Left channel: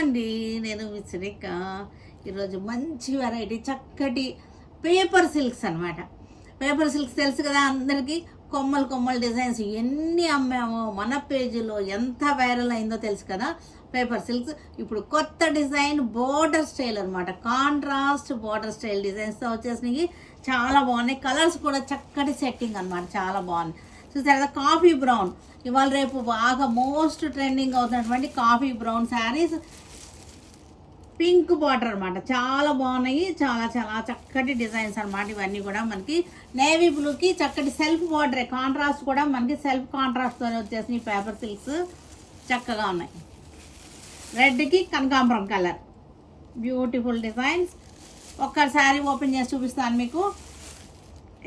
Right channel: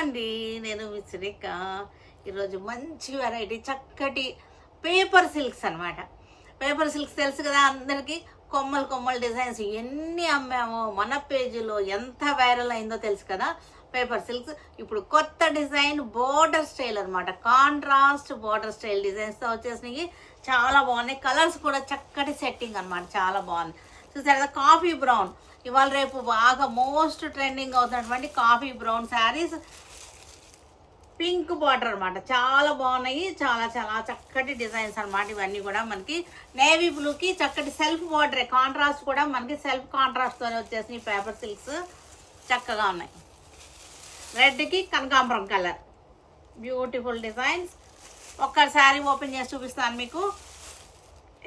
అండి, నేను విసిరిక. ఈరోజు మంచి వెరైటీ చక్కటి పేపర్ సిల్క్స్ అనమాట. పేపర్ సిల్క్స్ తెలుసు కదా అందరికీ. కొమ్మలు కొమ్మలు డిజైన్స్ ఎన్ని అమ్మామో మన పేజీలో, ఎంత వైరల్ అయిందో తెలుసు కదా. పేపర్ సిల్క్స్ ఇప్పుడు కొత్త డిజైన్ బోర్డర్ స్టైల్ అనమాట. కాంట్రాస్ట్ బోర్డర్ స్టైల్ డిజైన్స్తో వచ్చేసినాయి. చాలా బాగున్నాయి. కలర్స్ కూడా చక్కటి సెట్టింగ్ అనమాట, చాలా బాగుంది. చూసారు కదా, కాఫీ బ్రౌన్. ఇవాళ రేపు బాగా మోస్ట్ ట్రెండింగ్ అవుతున్నటువంటి coffee brown saris, pink border అనమాట. చాలా బాగున్నాయి. చాలా చాలా చక్కటి డిజైన్స్ అనమాట. ఇవన్నీ కూడా మనకి నేవీ బ్లూకి చక్కటి సెల్ఫ్ బార్డర్, కాంట్రాస్ట్ కూడా మనకి సెల్ఫ్ కాంట్రాస్ట్తో వచ్చేసి పేపర్ సిల్క్స్ చక్కగా ఉన్నాయి. రెడ్కి కనకాంబరం కలర్, బ్యూటిఫుల్ డిజైన్స్. ఒక్కసారి ఓపెన్ చేసి చూపిస్తాను మీకు.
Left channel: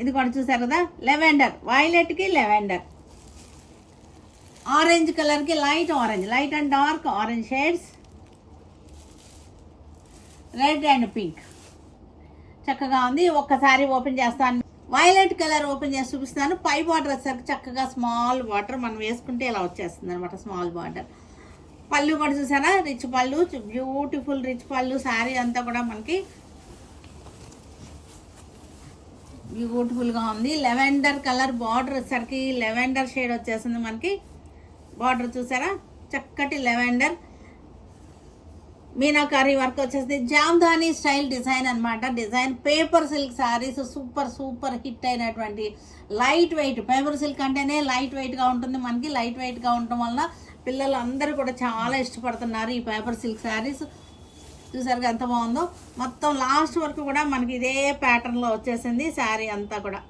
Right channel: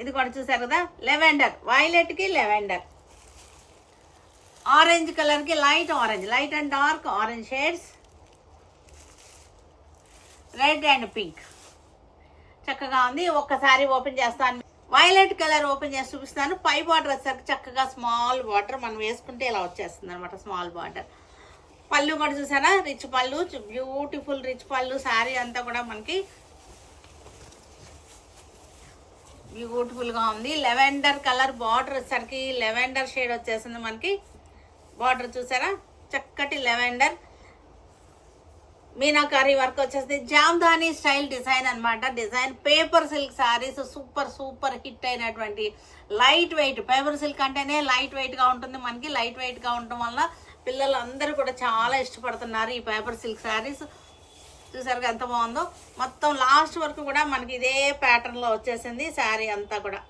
ఇది కూడా చూసారు కదా, లెవెండర్, వైలెట్కి లెవెండర్, ఆరెంజ్ కలర్కి light orange, light and dark orange shades, red and pink చక్కగా ఉంది. ఒక్కసారి ఓపెన్ చేస్తాను. వైలెట్ కలర్ ఓపెన్ చేసి చూపిస్తాను. పై బార్డర్ వచ్చేసరికి చక్కగా స్మాల్ బార్డర్ మనం వేసుకుంటే ఇలా వచ్చేస్తుంది అనమాట, స్మాల్ బార్డర్. పళ్ళు కూడా చూసారా, రిచ్ పళ్ళు, బ్యూటిఫుల్ రిచ్ పళ్ళు. శారీ అంతా కూడా మనకి బ్యూటిఫుల్గా ఉంది. లెవెండర్ కలర్ బార్డర్ వచ్చేసరికి లెవెండర్ షేడ్ వచ్చేస్తుంది మనకి. బార్డర్ చూసారా, చక్కటి లెవెండర్ మీనాకారి వర్క్ వచ్చేసి జామ్దాని స్టైల్ డిజైన్ అనమాట. Design paper silk saris super super hit అయినటువంటి లైట్ వెయిట్. పేపర్ సిల్క్ అంటేనే లైట్ వెయిట్గా ఉంటుంది మనకి. లైట్ వెయిట్గా ఉండటం వల్ల పిల్లలు అందరూ కూడా చాలా ఇష్టపడుతున్నారు ఈ పేపర్ సిల్క్ శారీస్. చూసారుగా ఎంత బాగుందో. మొత్తం లాస్ట్ వరకు కూడా మనకి ఇదే ప్యాటర్న్లో వచ్చేసింది శారీ అంతా కూడా.